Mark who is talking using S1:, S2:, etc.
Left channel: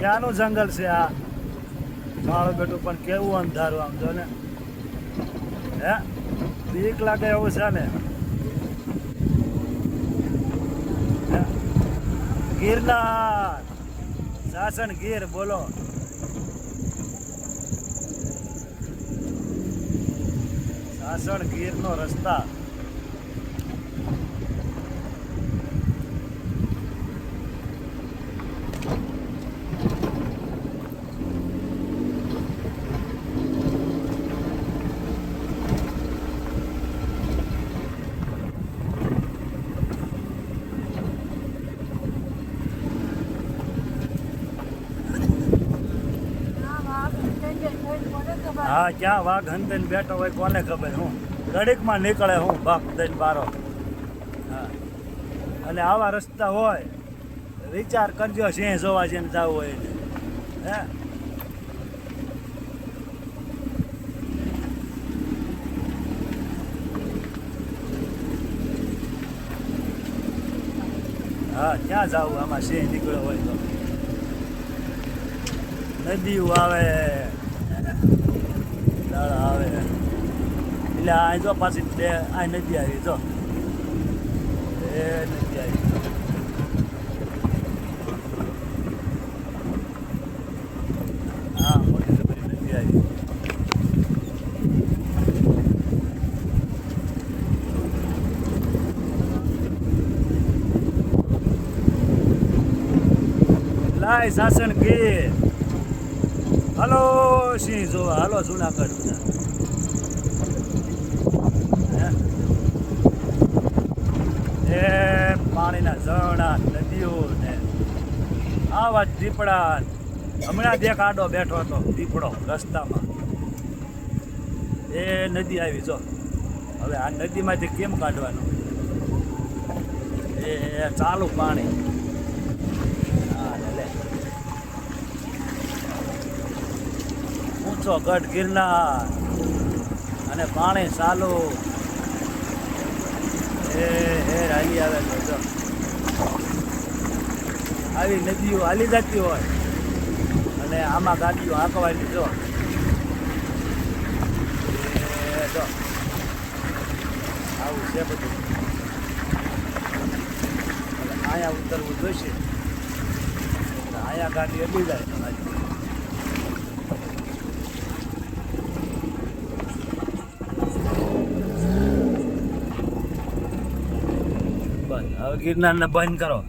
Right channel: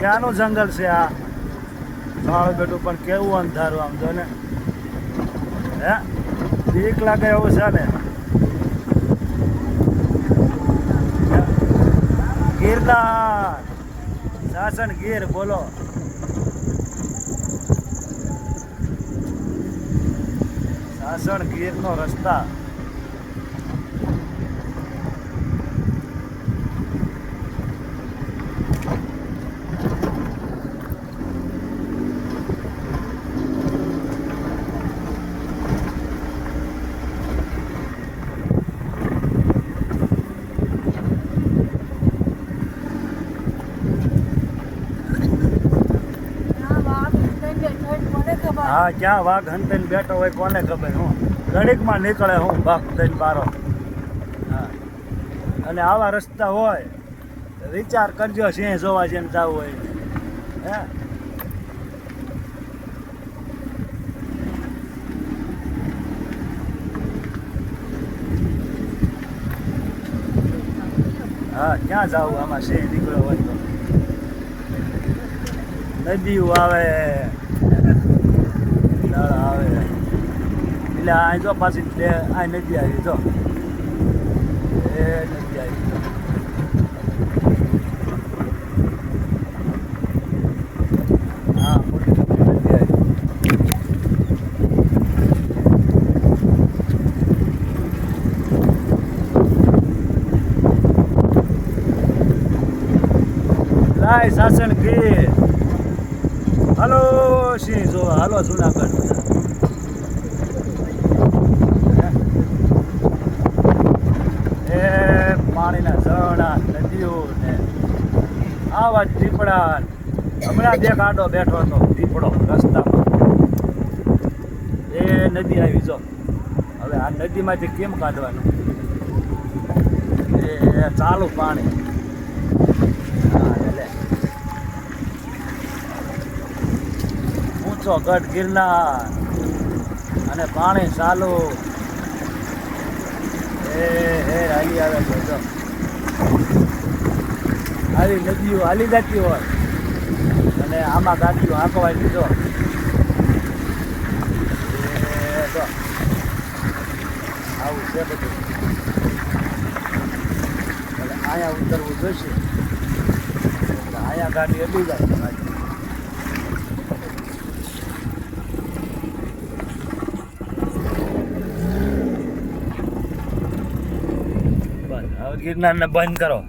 S1: ક્યાંનું જંગલ છે આ. માળો બેઠું પણ કેવું અંધારું આમ જો ને. હે? બીક લાગે એવું છે ને? ગિરનાર. સાસણ ગીર, બોલો. શાસન ગીરનો રસ્તા. હા, ક્યાં વાઘ હંતઈને બેઠો હોય કોને ખબર, હું ઘડીકમાં નીકળે હું ભાગ થઈને બારો હા. અને આવા રસ્તા હોય, વિચાર કરજો સિંહ જોવા જેમ જવું હોય હે? હા, ક્યાં જવું? આમાં સિંહ નીકળ્યો હોય તો. નદીઓ આવે, નળ આવે. એટલે આ જો પાછી બે, આ નદી આવી જો. એ નદી આવી હા, મોટી નદી નદી આવી. લાય શાસન ગીર. હાલો સિંહ જોવા હાલો જુનાગઢ બધા? એ પાણીના ઝરણા, નદીઓ ને આવા જ દીપડા. હમણાં બે કાંડો બેઠો હતો, દીપડો રસ્તામાં. એ નદી આવી, જો. હવે આ નદીમાંથી કેમ કાઢવાનું? એ ચાલુ પાણી હા ને લે ઊંચો ગઢ ગિરનાર અને પાણી ચાલુ. એ હે હાલી આવે છે તો આવી નદીઓ હાલી જતી હોય અને આમાં ગાડીઓ હાંકવાની, જો. એ જો. આવું છે બધું. એટલે અહીંયા ઉતરવું જોઈશે. અહીંયા ગાડી અડી જાય તમારી. ગિરનારને બંધ કરો.